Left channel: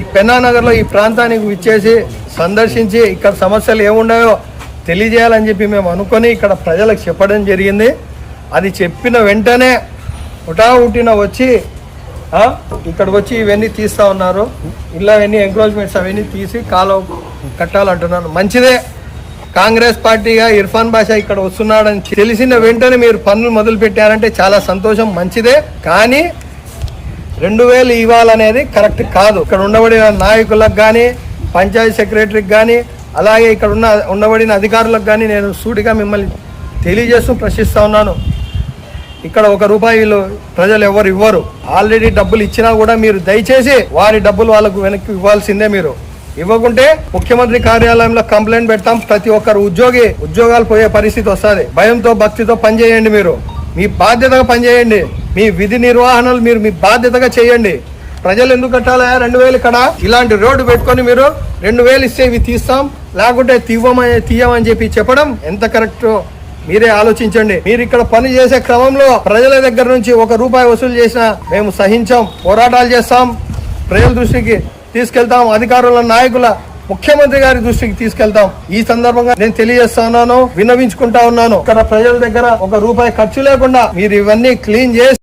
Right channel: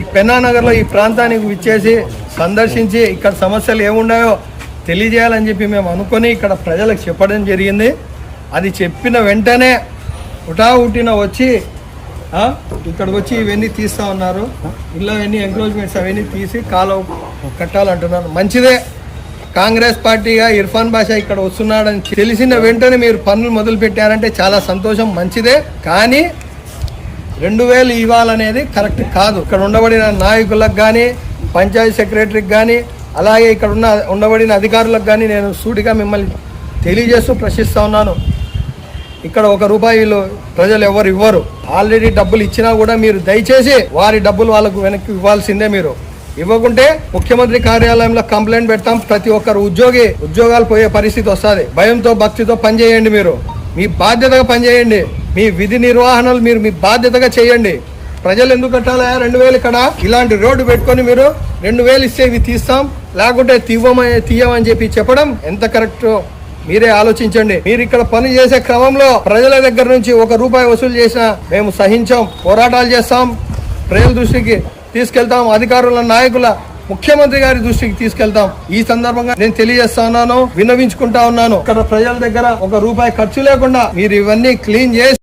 ఈ పెన్నానగర్లో ఈ ప్రాంతానికి విచ్చేసి సందర్శించి ఇక్కడ సమస్యలు ఏమున్నాయో తెలియజేయాలని చెప్పి మేము అనుకొని ఇక్కడ ప్రజలకు చెప్పడం జరిగింది. అది చెప్పిన వెంటనే ఉటా ఉట్టిన వచ్చి ఇక్కడికి వచ్చి ఇవన్నీ తీస్తా ఉన్నారు. ఇలా అవన్నీ ఎంక్రోచ్మెంట్స్ అవన్నీ తీసి కాలం కట్టాలంటున్నారు. మంచిదే. కాంగ్రెస్ పార్టీగా ఇర్ఫాన్ బాషా ఇక్కడ వస్తున్నాడని తెలిసిన వెంటనే మీరు పనులు మొదలు పెట్టారంటే చాలా సంతోషం మంచిదే. కానీ రెండు వేలు ఇవ్వాలనేది కరెక్ట్ కాదు. ఇక్కడ ఉండబడిన నాయకులకు కానీ పంచాయతీ సెక్రటరీకి కానీ అలాగే ఇక్కడ ఉన్న ఉండబడిన అధికారులకు కానీ నేను సూటిగా మిమ్మల్ని తెలియజేస్తూ ప్రశ్నిస్తా ఉన్నాను. ఇక్కడ ఒక రూపాయిలు ప్రజలు ఎవరు ఇవ్వరు. ఆల్రెడీ డబ్బులు ఇచ్చినా కూడా మీరు దయచేసి వారి డబ్బులు వాళ్ళకు వెనక్కి ఇవ్వాల్సిందే మీరు. ఇవ్వకుంటే ముఖ్యమంత్రి కార్యాలయంలో కంప్లైంట్ పెడతాం. ప్రతి ఒక్కరు ఉద్యోగి ఉద్యోగాలు పోయే పరిస్థితి వస్తుంది. భయంతో భక్తితో పనిచేయండి మీరు. మీ బాధ్యతగా పనిచేయండి. మీ విధి నిర్వహణలు మీరు మీ బాధ్యతగా చేయండి. ప్రజలు ఎందుకు కట్టాలా? రెండు వేలు ఇక్కడ. ఇలాంటి రోడ్డు పెట్టుకొని మీరు రెండు వేలు ఇస్తే ఇవి తీస్తాం. లేకుంటే తీవ్వమని తీయమని చెప్పి చెప్పడం ఎంత కరెక్ట్ మీరే ఆలోచించండి. మీరు ఇక్కడ పని చేసే క్రమంలో ప్రజల దగ్గర నుంచి ఒక రూపాయి వసూలు చేసినా మేము సహించాం. పోరాటాలు చేస్తాం. ప్రజల దృష్టికి తీసుకెళ్తాం. అధికారుల నాయకుల ముఖ్యమంత్రి గారి దృష్టికి తీసుకెళ్తాం. ఈ సందర్భంగా నేను తెలియజేస్తా ఉన్నాను విన్నవించుకుంటా ఉన్నాను. ఇక్కడ ప్రజల దగ్గర ఒక రూపాయి ఖర్చు లేకుండా మీరు ఇవన్నీ క్లీన్ చేసి